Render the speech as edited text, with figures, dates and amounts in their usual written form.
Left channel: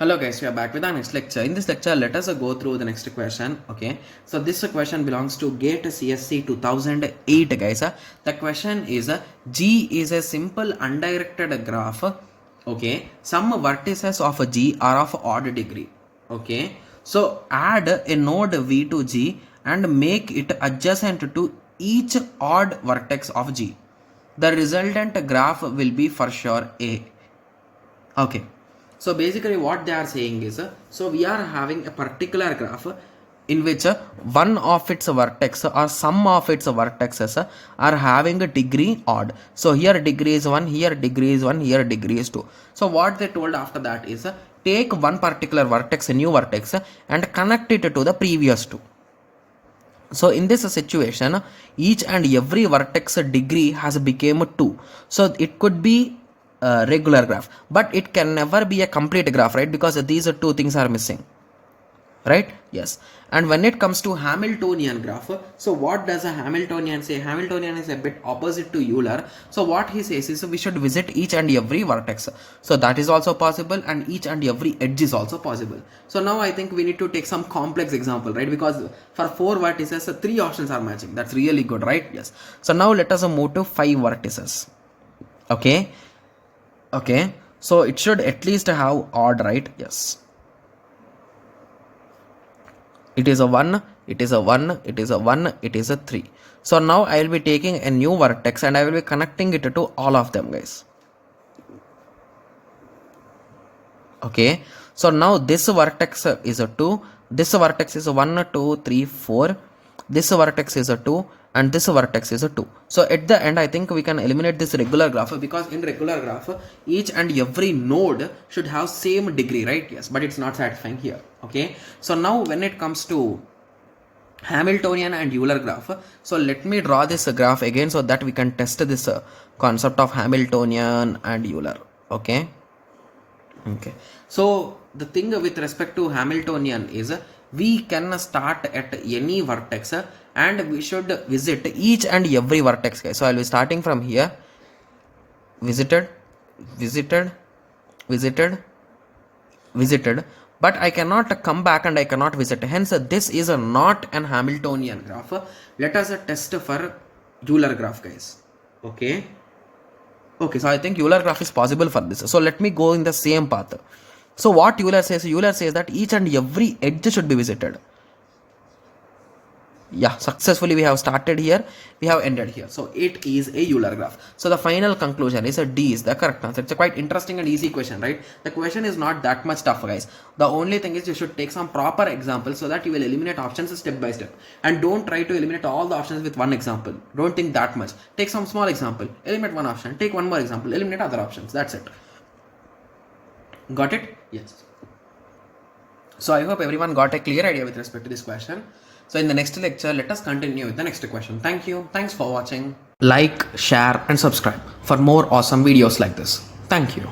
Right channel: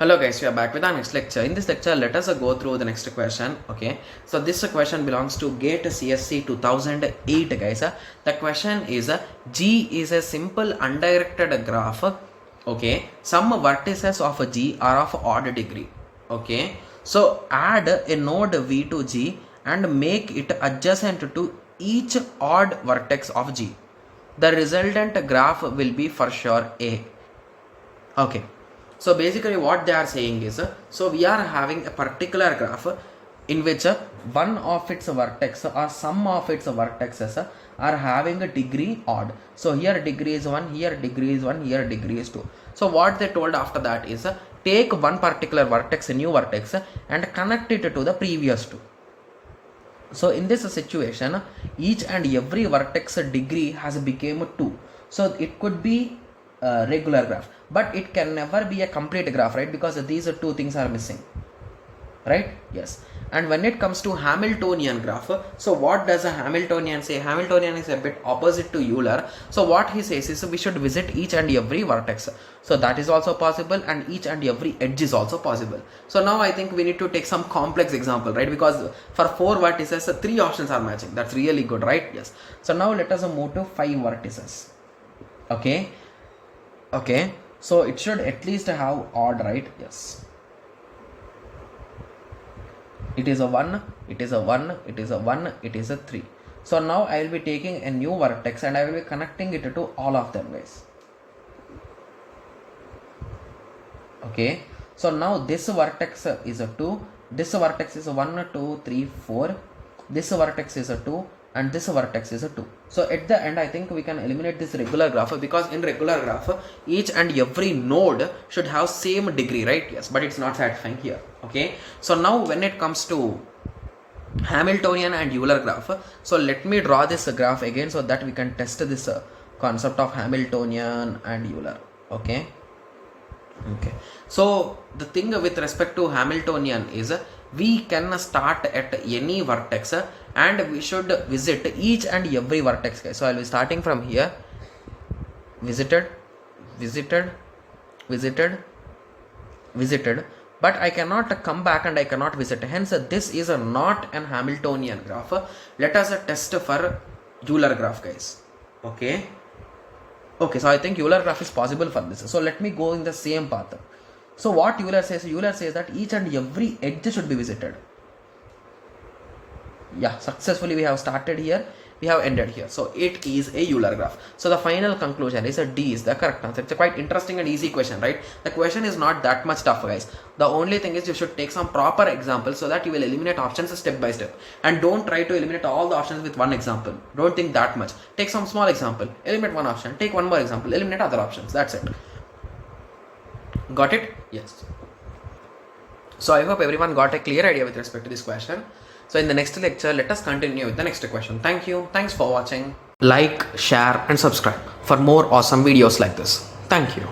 Hello guys, we are back with our next lecture. In this lecture, let us go through the next question. Okay, so this question belongs to GATE CSC 2008 guys. The question is G is a simple undirected graph. Okay, some vertices of G are of odd degree. Okay, so add a node V to G and make it adjacent to each odd vertex of G. The resultant graph will be for sure A. Okay, so basically what they are saying is so we are having a particular graph in which one of its vertex or some of its vertexes are having a degree odd. So here degree is 1, here degree is 1, here degree is 2. So what they told after that is take one particular vertex, a new vertex, and connect it to the previous two. So in this situation, each and every vertex degree has become 2. So it could be a regular graph, but it can never be a complete graph, right? Because these two things are missing, right? Yes. And when it comes to Hamiltonian graph, so what does a Hamiltonian say? Hamiltonian is a bit opposite to Euler. So what he says is we should visit each and every vertex. So that is also possible, and each and every edge is also possible. So now I think we need to take some complex example, right? Because for 4 vertices, 3 options are matching. That's really good, right? Yes. So now let us move to 5 vertices. Okay. Okay. So it should at least have odd, right? Yes. It is a 1, it is a 1, it is a 1, it is a 3. So now I will be taking a new vertex and I will be connecting it to all of them, guys. Okay, so now this vertex is a 2, this vertex is a 1, 2, 3, 4, this vertex is a 2, and this vertex is a 2. So at the end I think we can eliminate this regular graph, because in regular graph each and every node should have same degree, right? Yes, but it's not satisfying here. Okay, so now when it comes to Hamiltonian and Euler graph, so let me draw this graph again so that we can test this concept of Hamiltonian and Euler. Okay, so the thing with respect to Hamiltonian is we can start at any vertex and we should visit each and every vertex, guys. So I'll be starting from here, visited, but I cannot come back and I cannot visit. Hence this is not an Hamiltonian graph. Let us test for Euler graph, guys. Okay, so I think Euler graph is possible for this. So let me go in the same path. So what Euler says that each and every edge should be visited. Yeah, successfully we have started here, we have ended here. So it is a Euler graph. So the final conclusion is D is the correct answer. It's a quite interesting and easy question, right? The question is not that much tough, guys. The only thing is you should take some proper examples so that you will eliminate options step by step. And don't try to eliminate all the options with one example. Don't think that much. Take some small example, eliminate one option, take one more example, eliminate other options. That's it. Got it? Yes. So I hope everyone got a clear idea with respect to this question. So in the next lecture, let us continue with the next question. Thank you. Thanks for watching. Like, share and subscribe for more awesome videos like this. Thank you.